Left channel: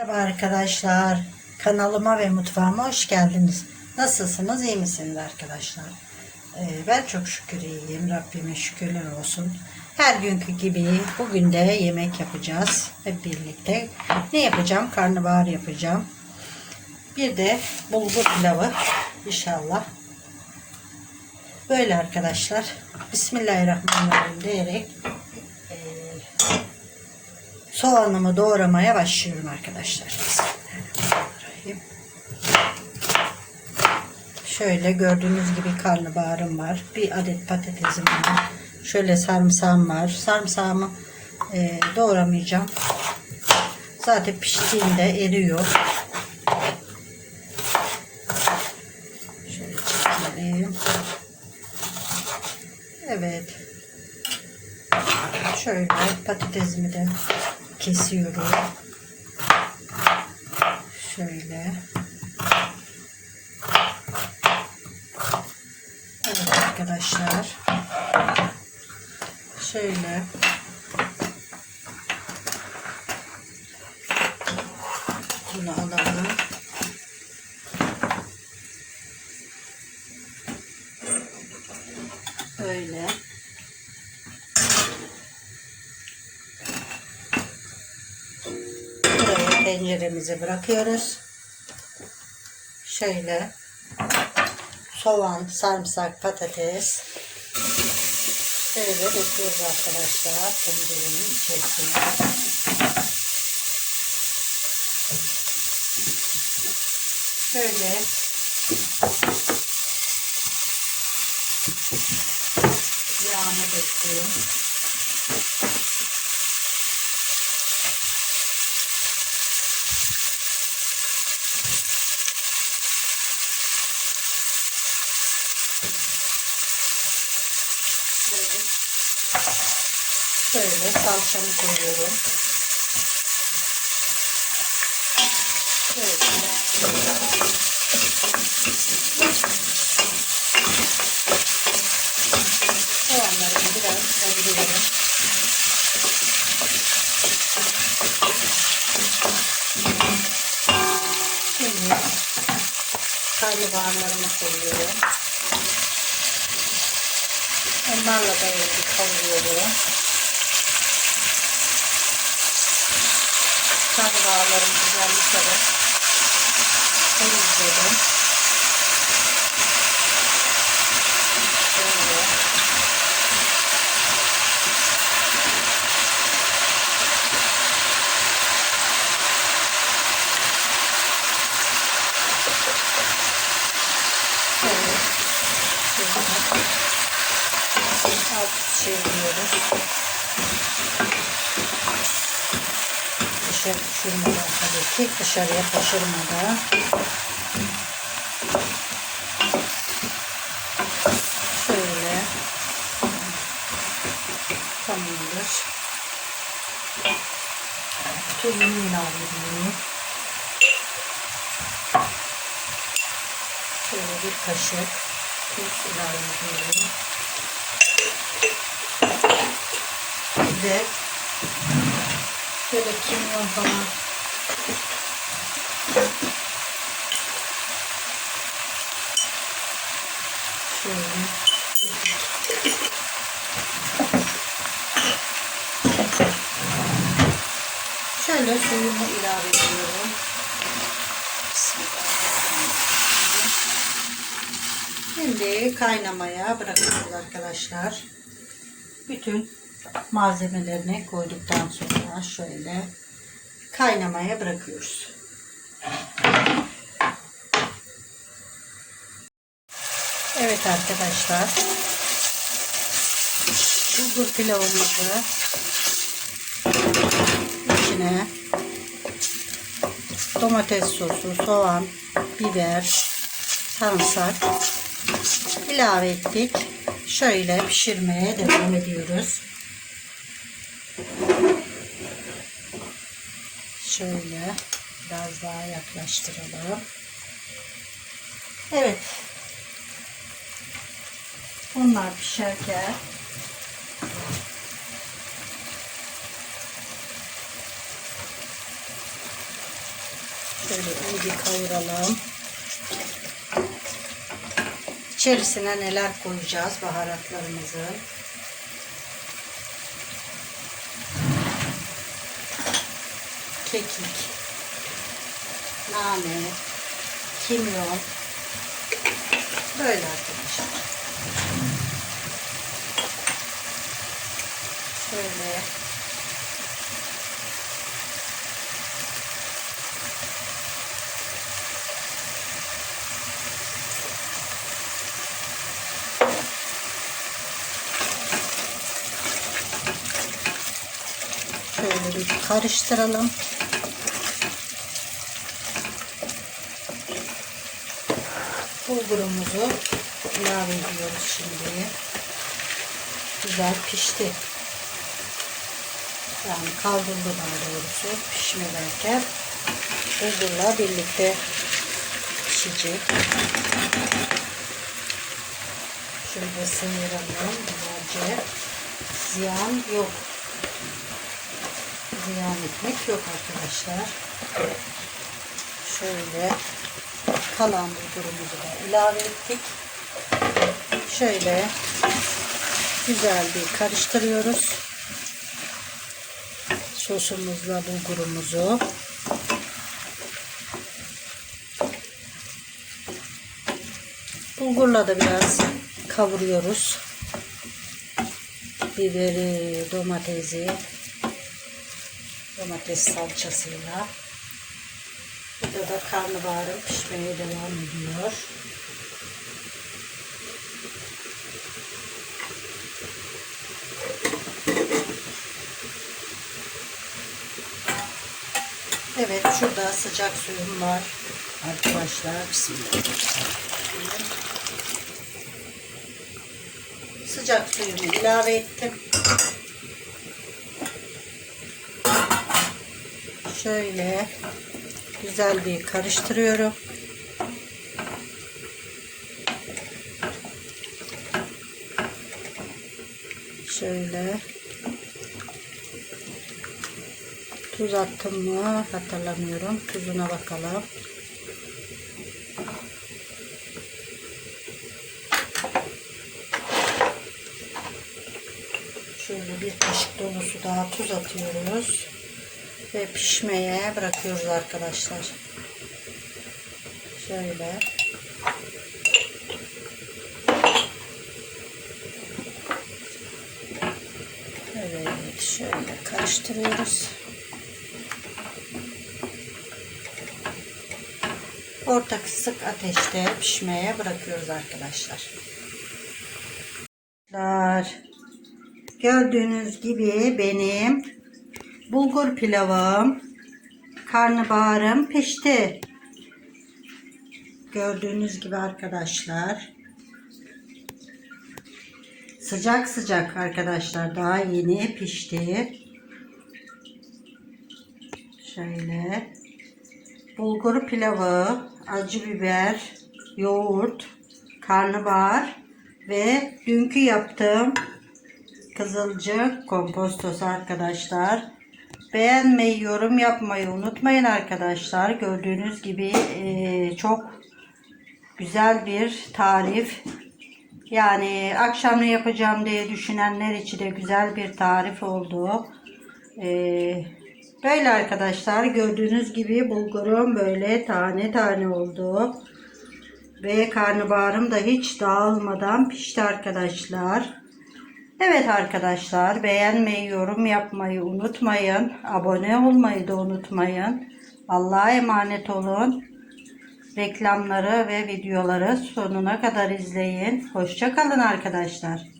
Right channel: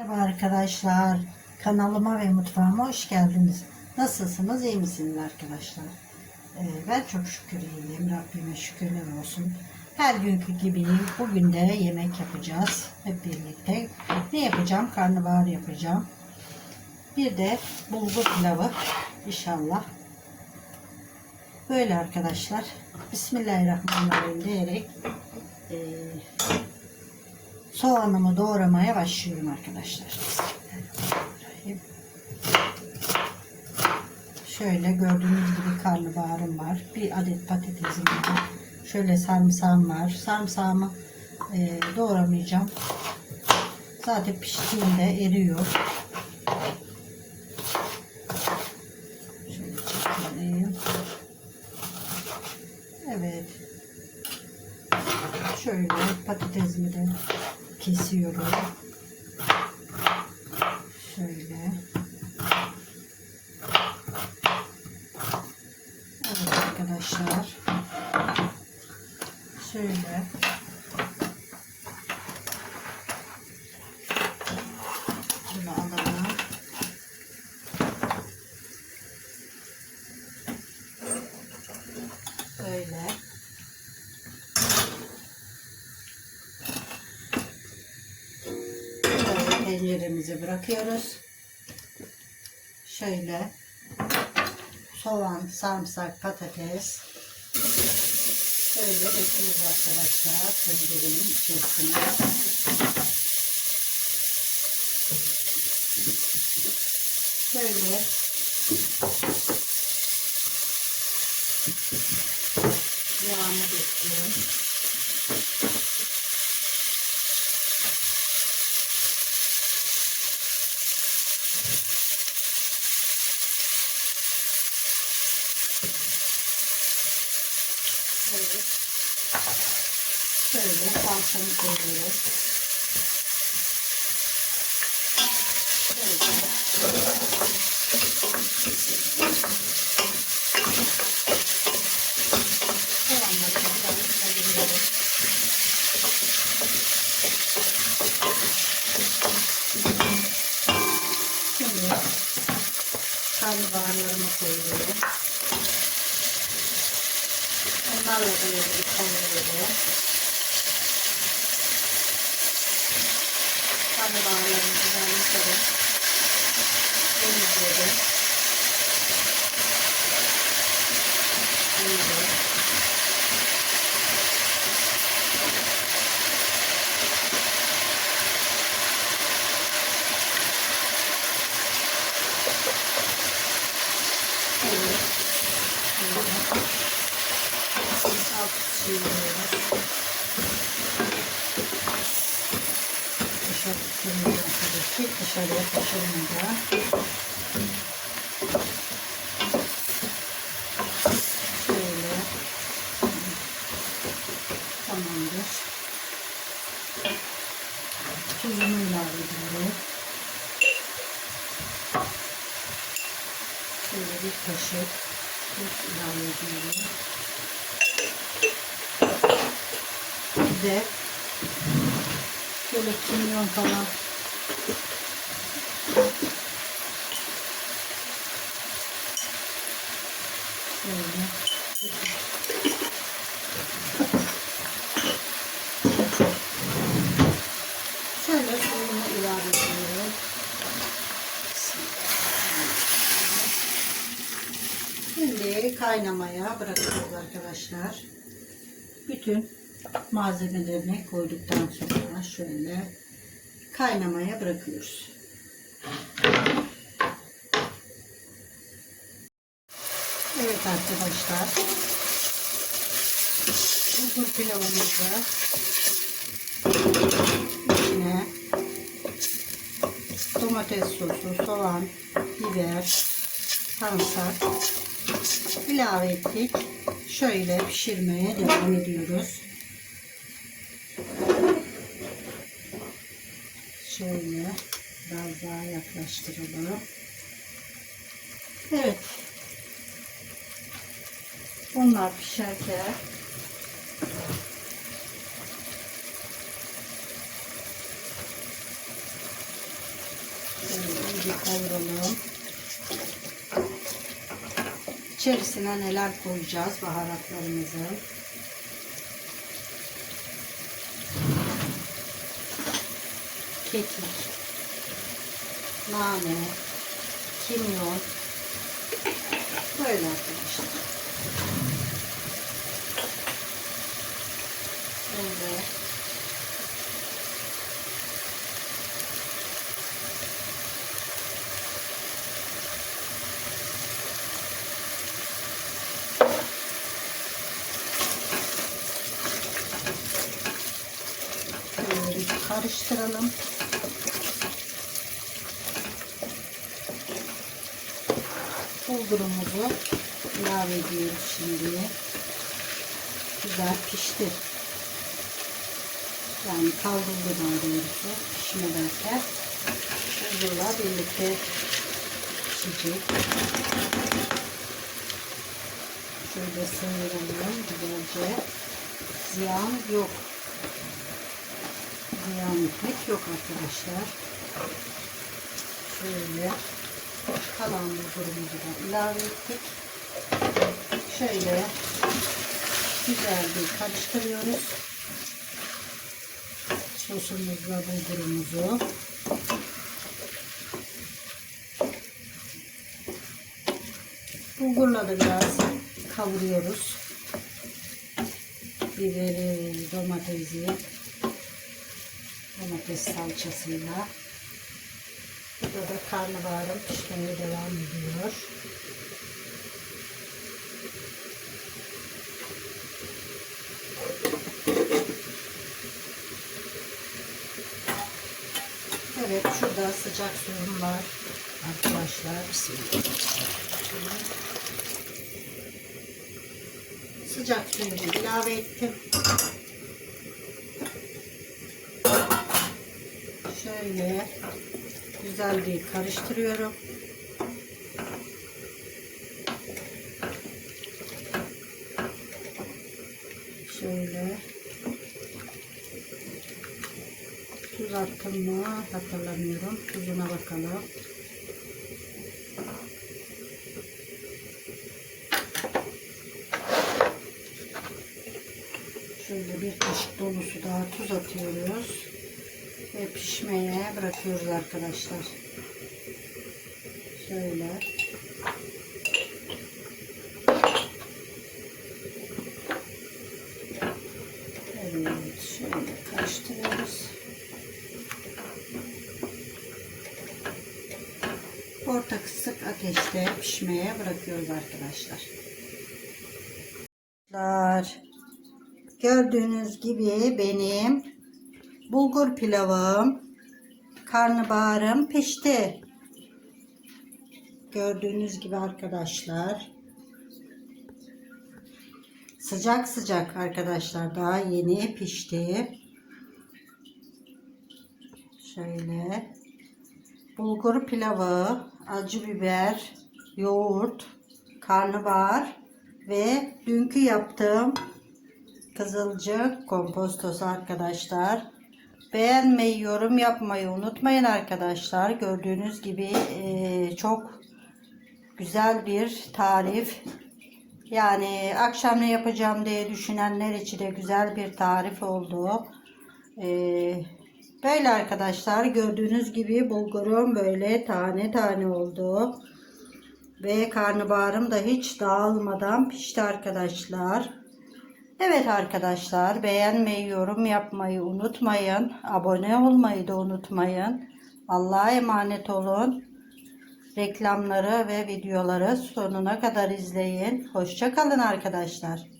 Merhaba arkadaşlar. Kanalıma ve mutfağıma hoş geldiniz. Nasılsınız? iyi misiniz arkadaşlar? Ee, ben çok şükür iyiyim. Rabbime şükürler olsun. Her günkü gibi bugün de yemek yapacağız. Hep birlikte. Ne yapacağım? Karnabahar yapacağım. Bir de bulgur pilavı inşallah. Böyle arkadaşlar. Bismillahirrahmanirrahim diyerek soğanımı doğramaya başlıyorum arkadaşlar. Şöyle gördüğünüz gibi karnabaharım var. Bir adet patatesim var. Şöyle sarımsağım var. Sarımsağımı eee, doğramayacağım. Zaten piştiğinde eriyor. Şöyle çekelim. Evet. Şöyle patatesimi de kesiyorum. Şöyle. Evet arkadaşlar. Şöyle. Bunu alalım. Böyle. Böyle tenceremize bırakıyoruz. Şöyle soğan, sarımsak, patates şöyle döküyoruz arkadaşlar tencerenin içerisine. Şöyle yağımı döktüm. Evet. Şöyle salçamı koyuyorum. Şöyle. Soğanlarımı biraz kavuruyorum. Şimdi karnabaharlarımı koyuyorum. Onlarla da kavuruyorum. Karnabaharlarımı güzel yıkadım. Temizledim. Böyle. Evet. Şöyle alt çeviriyoruz. Dışarı düşürmeden tabii ki dışarıya taşırmadan. Şöyle. Tamamdır. Tuzunu ilave ediyorum. Şöyle bir kaşık tuz ilave ediyorum. Bir de şöyle kimyon falan şöyle şöyle suyumu ilave ediyorum. Şimdi kaynamaya bırakıyoruz arkadaşlar. Bütün malzemelerini koyduktan sonra şöyle kaynamaya bırakıyoruz. Evet arkadaşlar. Bulgur pilavımızı içine domates sosu, soğan, biber, sarımsak ilave ettik. Şöyle pişirmeye devam ediyoruz. Şöyle biraz daha yaklaştıralım. Evet. Onlar pişerken Şöyle iyi bir kavuralım. İçerisine neler koyacağız baharatlarımızı. Kekik, nane, kimyon. Böyle arkadaşlar. Şöyle Şöyle bir karıştıralım. Bulgurumuzu ilave ediyoruz şimdi. Güzel pişti. Yani kavruldu daha doğrusu pişme derken bulgurla birlikte pişecek. Şöyle sıyıralım güzelce. Ziyan yok ziyan etmek yok arkadaşlar. Şöyle kalan bulgurumuzu da ilave ettik. Şöyle güzel bir karıştırıyoruz. Sosumuzla bulgurumuzu. Bulgurla da biraz kavuruyoruz. Biberi, domatesi, domates salçasıyla. Burada da karnabaharım pişmeye devam ediyor. Evet şurada sıcak suyum var. Arkadaşlar bismillah. Sıcak suyumu ilave ettim. Şöyle güzel bir karıştırıyorum. Şöyle tuz attım mı hatırlamıyorum. Tuzuna bakalım. Şöyle bir kaşık dolusu daha tuz atıyoruz ve pişmeye bırakıyoruz arkadaşlar. Şöyle. Evet, şöyle karıştırıyoruz. Orta kısık ateşte pişmeye bırakıyoruz arkadaşlar. Gördüğünüz gibi benim bulgur pilavım, karnabaharım pişti. Gördüğünüz gibi arkadaşlar. Sıcak sıcak arkadaşlar daha yeni pişti. Şöyle. Bulgur pilavı, acı biber, yoğurt, karnabahar ve dünkü yaptığım kızılcık kompostosu arkadaşlar. Beğenmeyi, yorum yapmayı unutmayın arkadaşlar. Gördüğünüz gibi e, çok güzel bir tarif. Yani akşam ne yapacağım diye düşünenler için de güzel bir tarif oldu. E, böyle arkadaşlar gördüğünüz gibi bulgurum böyle tane tane oldu. Ve karnabaharım da hiç dağılmadan pişti arkadaşlar. Evet arkadaşlar beğenmeyi, yorum yapmayı unutmayın. Abone olmayı da unutmayın. Allah'a emanet olun. Reklamları ve videoları sonuna kadar izleyin. Hoşçakalın arkadaşlar.